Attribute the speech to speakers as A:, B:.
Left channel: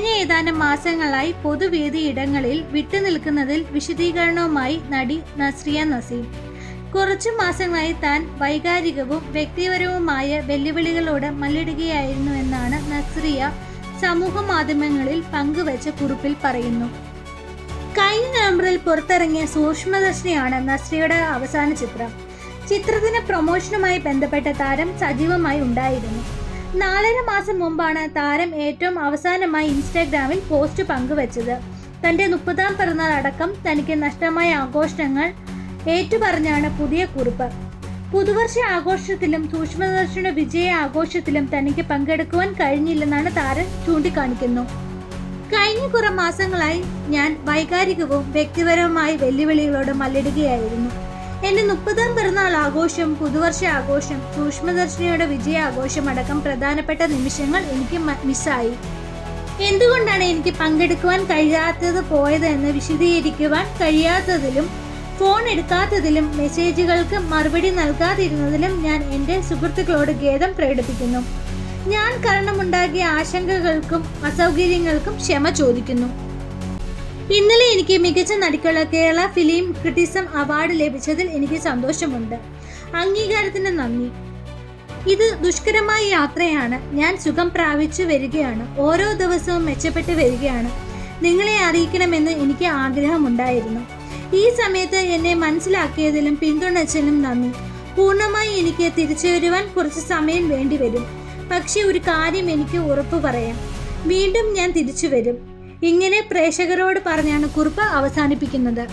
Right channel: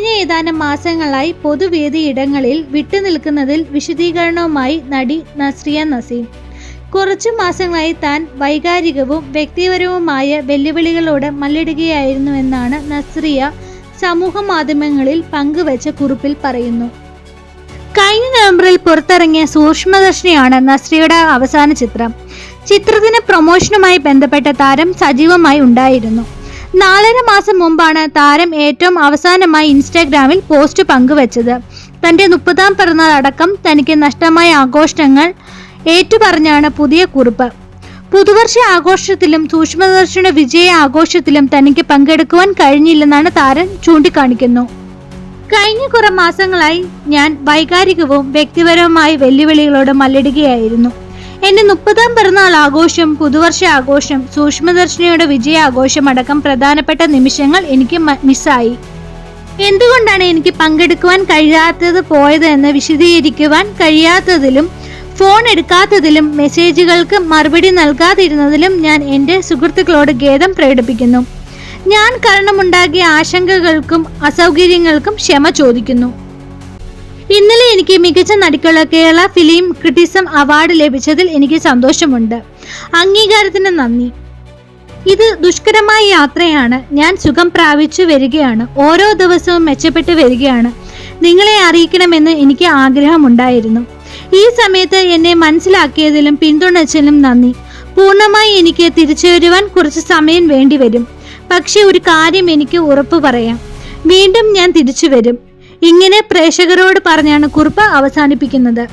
A: കഴിഞ്ഞ ഏതാനും മാസങ്ങളായി പൊതുവേദിയിടങ്ങളിൽ വിട്ടുനിൽക്കുന്നതിൽ വിശദീകരണവുമായി നടി നസ്രിയ നസീം. കുറച്ചു മാസങ്ങളായി താൻ വൈകാരികവും വ്യക്തിപരവുമായ വെല്ലുവിളികളോട് മല്ലിടുകയായിരുന്നുവെന്നാണ് നസ്രിയ സമൂഹ മാധ്യമങ്ങളിൽ പങ്കുവച്ച കുറിപ്പിൽ പറയുന്നു. കഴിഞ്ഞ നവംബറിൽ പുറത്തിറങ്ങിയ സൂക്ഷ്മദർശിനിയാണ് നസ്രിയുടെ അവസാന ചിത്രം. ചിത്രത്തിന് പ്രൊമോഷനുമായി ബന്ധപ്പെട്ട താരം സജീവമായി ഉണ്ടായിരുന്നു. നാലര മാസം മുമ്പാണ് താരം ഏറ്റവും അവസാനമായി ഇൻസ്റ്റാഗ്രാമിൽ പോസ്റ്റ് പങ്കുവച്ചത്. തന്റെ മുപ്പതാം പിറന്നാൾ അടക്കം തനിക്ക് നഷ്ടമായ ആഘോഷങ്ങൾ ഏറ്റുപറഞ്ഞാണ് പുതിയ കുറിപ്പ്. പുതുവർഷ ആഘോഷത്തിലും സൂക്ഷ്മദർശന വിജയ ആഘോഷത്തിലും തനിക്ക് പങ്കെടുക്കുവാൻ കഴിഞ്ഞില്ലെന്നാണ് താരം ചൂണ്ടിക്കാണിക്കുന്നു. കഴിഞ്ഞ കുറെ മാസങ്ങളായി ഞാൻ വൈകാരികവും വ്യക്തിപരവുമായ വെല്ലുവിളികളോട് മല്ലിടുകയായിരുന്നു. എന്റെ മുപ്പതാം പിറന്നാൾ ആഘോഷം പുതുവർഷ ആഘോഷം സൂക്ഷ്മദർശിനിയുടെ വിജയാഘോഷം അടക്കം പ്രധാനപ്പെട്ട നിമിഷങ്ങൾ എനിക്ക് മിസ്സായി. എന്തുകൊണ്ടാണ് എനിക്ക് പങ്കെടുക്കുവാൻ കഴിയാത്തത് പോയത് എന്ന് വിശദീകരിക്കുവാൻ കഴിയാത്തതിലും ഫോൺ എടുക്കാത്തതിലും മെസ്സേജുകൾക്ക് മറുപടി നൽകാതിരുന്നതിലും ഞാൻ എന്റെ സുഹൃത്തുക്കളോട് ഖേദം പ്രകടിപ്പിക്കുന്നു. ഞാൻ കാരണമുണ്ടാക്കിയ ആശങ്കകൾക്കും അസൗകര്യങ്ങൾക്കും ക്ഷമ ചോദിക്കുന്നു. ഇന്നലെ എനിക്ക് മികച്ച നടിക്കുള്ള കേരള ഫിലിം ക്രിറ്റിസം അവാർഡ് ലഭിച്ചതിൽ എനിക്ക് സന്തോഷമുണ്ട്. അംഗീകാരത്തിന് നന്ദി. ഇത് ദുഷ്കരമായ യാത്രയാണ്. ഞാൻ സുഖം പ്രാപിച്ചു വരികയാണ്. ഓരോ ദിവസവും മെച്ചപ്പെട്ടു വരികയാണ്. നിങ്ങളെ അറിയിക്കണമെന്ന് എനിക്ക് ആഗ്രഹമുണ്ടായിരുന്നു. ഈ സമയത്ത് എന്നെ മനസ്സിലാക്കിയതിലും പിന്തുണച്ചതിലും നന്ദി. പൂർണമായി എനിക്ക് തിരിച്ചു വരുവാൻ കുറച്ച് സമയം വേണ്ടിവരും. പക്ഷെ ഒരു കാര്യം എനിക്ക് ഉറപ്പ് പറയാം വീണ്ടും ഞാൻ തിരിച്ചു വരും ഇങ്ങനെ പ്രേക്ഷകരോട് പറഞ്ഞാണ് കുറിപ്പ് അവസാനിപ്പിക്കുന്നത്